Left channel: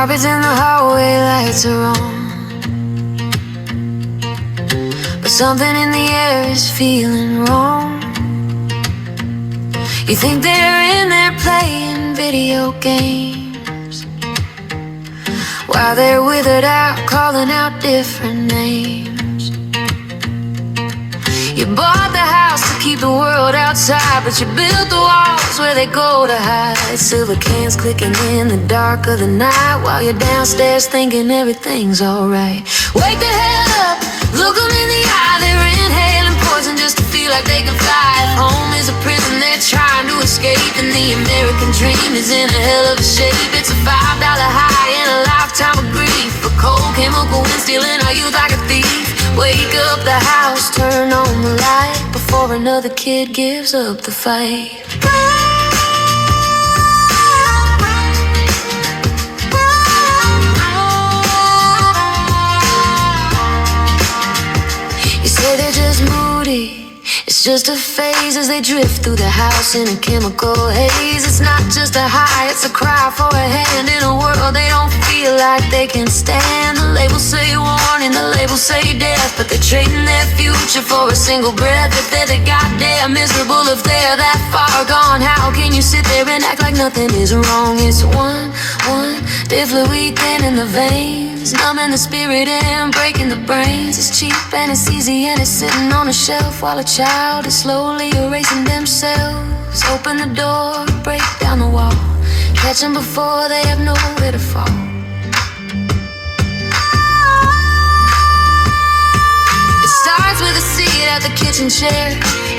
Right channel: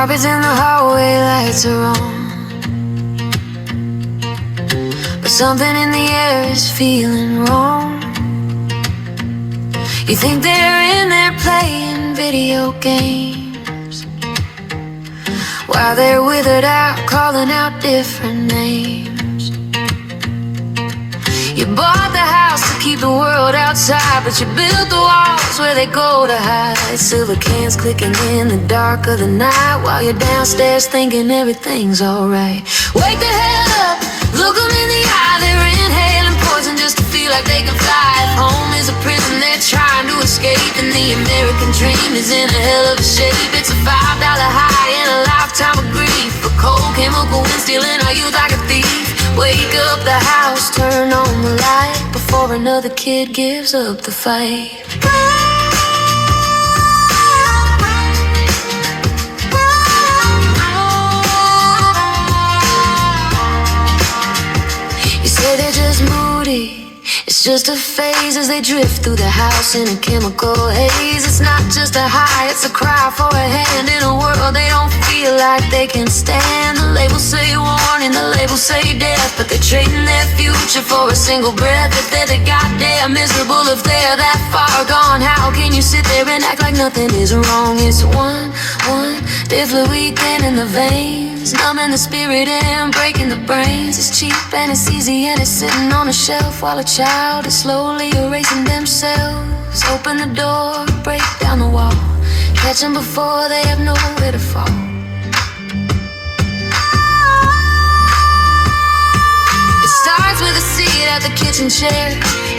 Carpets in the hallway, lights are on, but something in the air is feeling wrong. You think they're in there playing video games, while they're withered out, calling out different names. You bought the house to keep the world outside, but you built the walls where they go to hide. Silver cans clicking in the dark of the night, while you're downstairs thinking everything's alright. Wake the hell up, look them in the eye, they're inhaling poison just to feel like they can fly. If home is a prison, they're trying to escape, and the American dream is in a hell of a shape. It's a $5 high and a lifetime of grief, a cold chemical wind stealing our youth like a thief. Wake up the house, turn on the light, before another kid gives up the fight. You say they're just moody, it's just a phase as they drift through the house in a chemical haze. It's not just a high, it's a cry for a hand in a world they don't feel like they can stand. The labels say warning, the labels say death, but they're trading their future for a single breath. If they're the goddamn miserable, if they're that far gone, how can you sit there and act like nothing is wrong? It's one deadly weekend in the veins, numbing the spirit and breaking the brains. It's cheap and it's easy and it's sitting on a shelf, while a child is slowly erasing themselves. Open the door, break down the wall, catch them before they have nowhere to fall. It starts with a seat at the kitchen chair,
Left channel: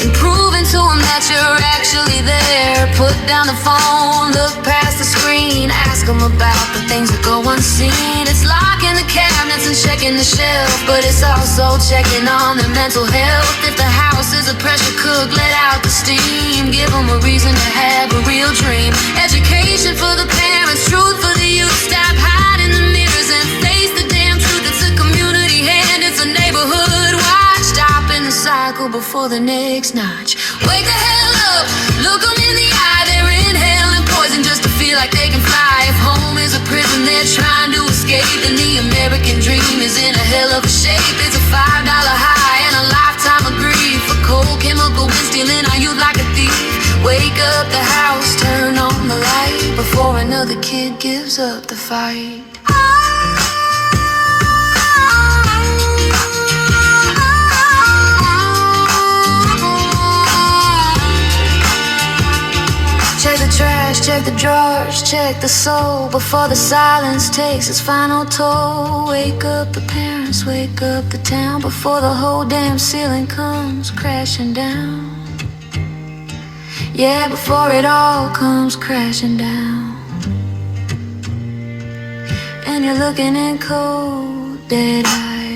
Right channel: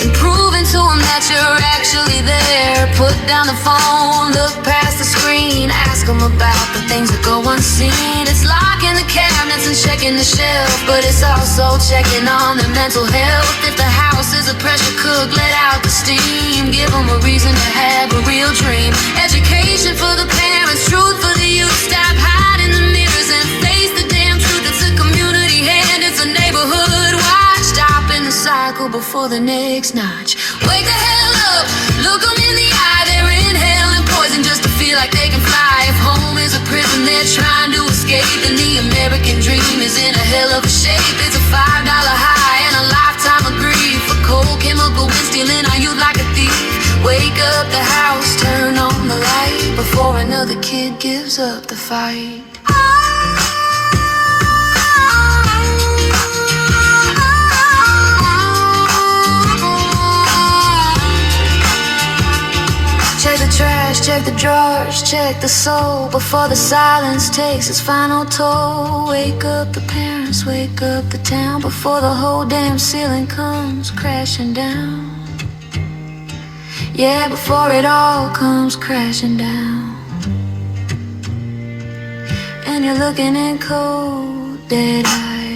and proving to them that you're actually there. Put down the phone, look past the screen, ask them about the things that go unseen. It's locking the cabinets and checking the shelf, but it's also checking on their mental health. If the house is a pressure cook, let out the steam, give them a reason to have a real dream. Education for the parents, truth for the youth. Stop hiding the mirrors and face the damn truth. It's a community hand, it's a neighborhood watch, stopping the cycle before the next notch. Wake the hell up, look them in the eye, they're inhaling poison just to feel like they can fly. If home is a prison, they're trying to escape, and the American dream is in a hell of a shape. It's a $5 high and a lifetime of grief, a cold chemical wind stealing our youth like a thief. Wake up the house, turn on the light, before another kid gives up the fight. Check the trash, check the drawers, check the soul, before the silence takes its final toll. Wake up the parents, wake up the town, before the whole damn ceiling comes crashing down. Yeah, before it all comes crashing down. And you're looking in cold, dead eyes.